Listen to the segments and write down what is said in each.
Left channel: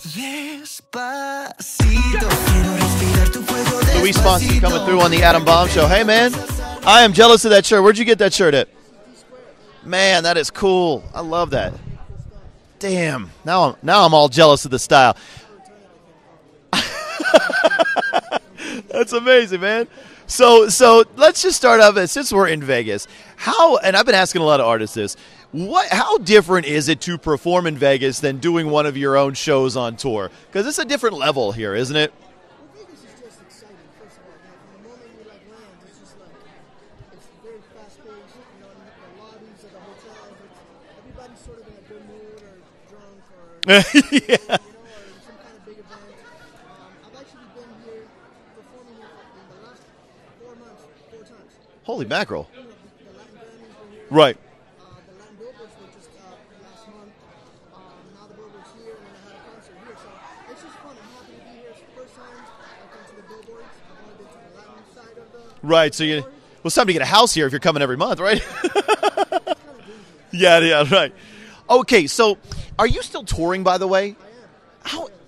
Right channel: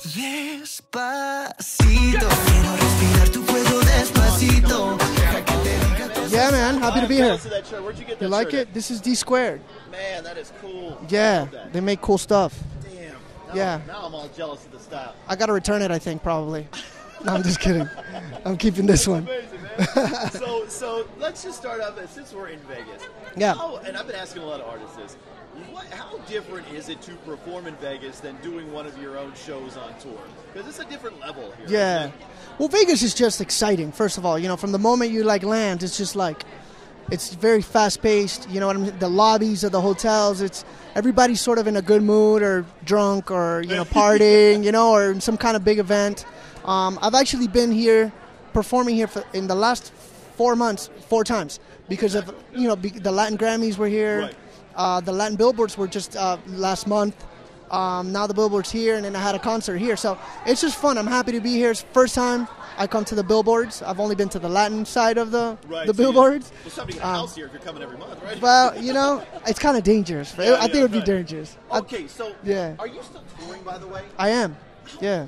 Despacito, quiero respirar tu cuello despacito. Luis Fonsi coming through on the Adam Bomb Show. Hey, man. Yeah, man. I am jealous of that shirt. Where'd you get that shirt at? This is D Squared. Man, that is cool. Yeah, I love that. They make cool stuff. Damn. Now I'm all jealous of the style. I got to return it, I think, probably. No, I'm just kidding. I'm keeping this That's one. amazing, man. So let's just start off. Since we're in Vegas, and I've been asking a lot of artists this, how different is it to perform in Vegas than doing one of your own shows on tour? Because it's a different level here, isn't it? Well, Vegas is just exciting, first of all. You know, from the moment you, land, it's just it's very fast-paced. You know what I mean? The lobbies of the hotels, everybody's sort of in a good mood or drunk or partying, or in some kind of big event. I've actually been here, performing here in the last 4 months, 4 times. Holy mackerel. The Latin Grammys were here. Right. The Latin Billboards were just last month. Now the Billboard's here, and then I had a concert here. So it's just fun. I'm happy to be here. It's the first time I come to the Billboards. I've only been to the Latin side of the Billboards. Well, it's time to get a house here if you're coming every month, right? Well, it's kind of dangerous. I think it'd right. be dangerous. Okay, so are you still touring, by the way? I am.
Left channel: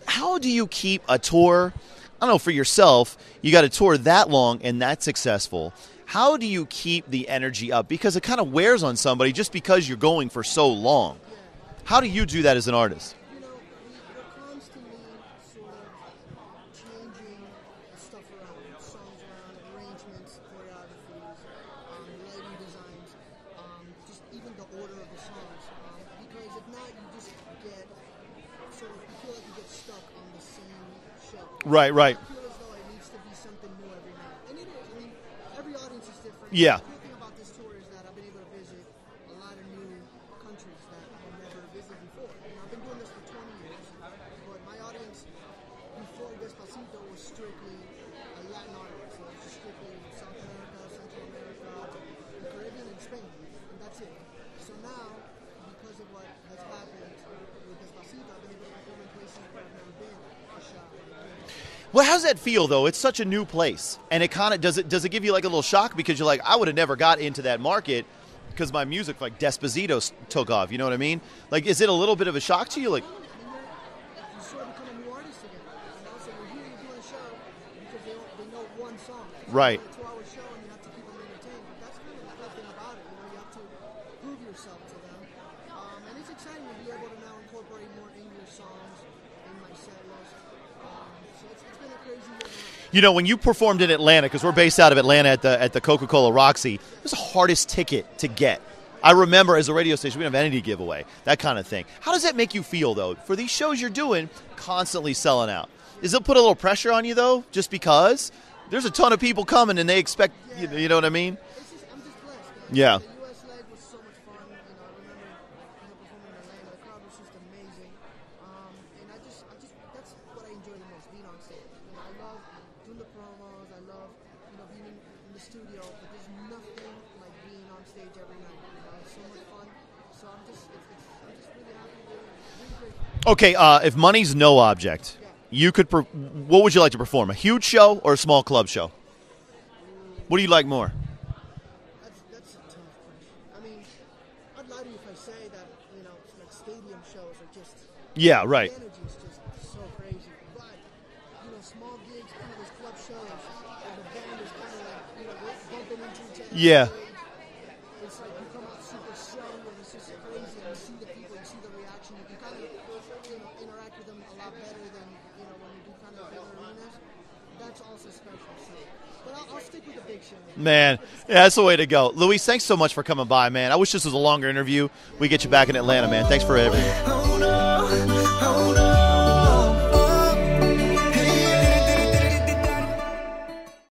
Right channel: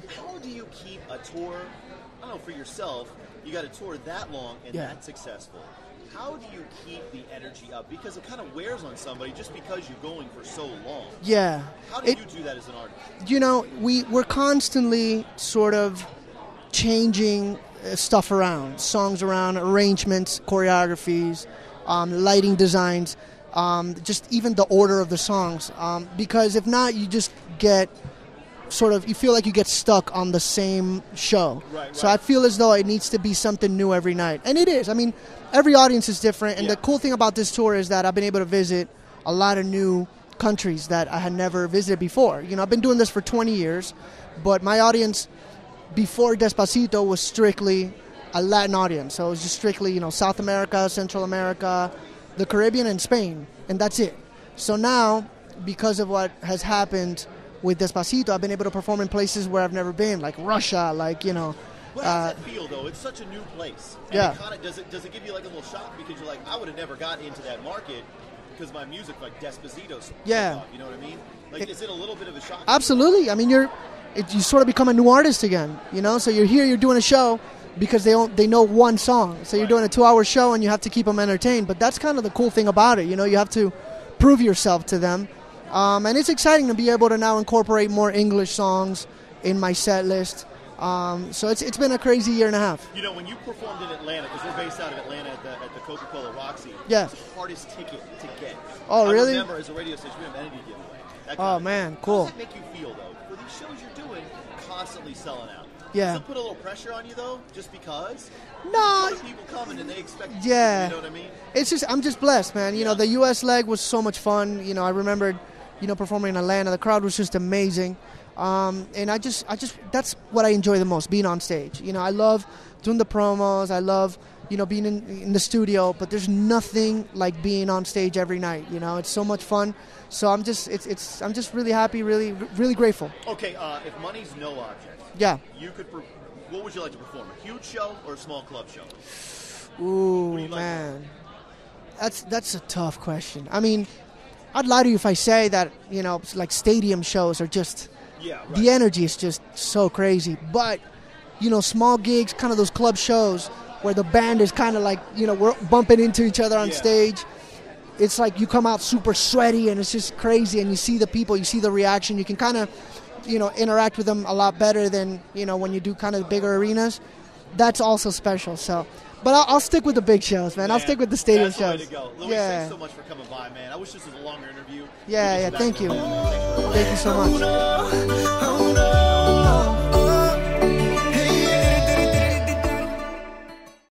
How do you keep a tour? I don't know, for yourself, you got a tour that long and that successful. How do you keep the energy up? Because it kind of wears on somebody just because you're going for so long. Yeah. How do you do that as an artist? We're constantly sort of changing stuff around, songs around, arrangements, choreographies, lighting designs, just even the order of the songs. Because if not, you just get you feel like you get stuck on the same show. Right. So I feel as though it needs to be something new every night. And it is. I mean, every audience is different. And the cool thing about this tour is that I've been able to visit a lot of new countries that I had never visited before. I've been doing this for 20 years, but my audience before Despacito was strictly a Latin audience. So it was just strictly, South America, Central America, the Caribbean, and Spain. And that's it. So now, because of what has happened with Despacito, I've been able to perform in places where I've never been, like Russia, Well, how's that feel, though? It's such a new place. And it kind of, does it give you like a little shock? Because you're like, I would have never got into that market because my music, like Despacito, took off. You know what I mean? Like, is it a little bit of a shock to you? Absolutely. I mean, you sort of become a new artist again, So you're here, you're doing a show because they know one song. So you're doing a 2-hour show and you have to keep them entertained. But that's kind of the cool thing about it. You have to prove yourself to them. And it's exciting to be able to now incorporate more English songs in my set list. So it's been a crazy year and a half. When you performed in Atlanta, because we're based out of Atlanta at the Coca-Cola Roxy, it was the hardest ticket to get. Oh, I really? remember as a radio station, we didn't have any to give away, that kind of thing. Cool. How does that make you feel, though, for these shows you're doing, constantly selling out? Yeah. Does it put a little pressure on you, though, just because? There's a ton of people coming, and they expect, you know what I mean? I'm just blessed, man. The U.S. leg was so much fun. I remembered, performing in Atlanta. The crowd was just amazing. And I just that's what I enjoy the most, being on stage. I love doing the promos. I love, being in the studio, but there's nothing like being on stage every night. It's so much fun. So I'm just really happy, really, really grateful. Okay, if money's no object, you could, what would you like to perform? A huge show or a small club show? Ooh, what do you like more? That's a tough question. I mean, I'd lie to you if I say that, like stadium shows are just... Yeah, right. The energy is just so crazy. But, small gigs, kind of those club shows where the band is kind of like, we're bumping into each other on stage. It's like you come out super sweaty and it's just crazy, and you see the people, you see the reaction. You can kind of, interact with them a lot better than, when you do kind of bigger arenas. That's also special. So, but I'll stick with the big shows, man. I'll stick with the stage. That's the way to go. Luis, thanks so much for coming by, man. I wish this was a longer interview. We get you back in Atlanta, man. Thanks for everything. Thank you so much.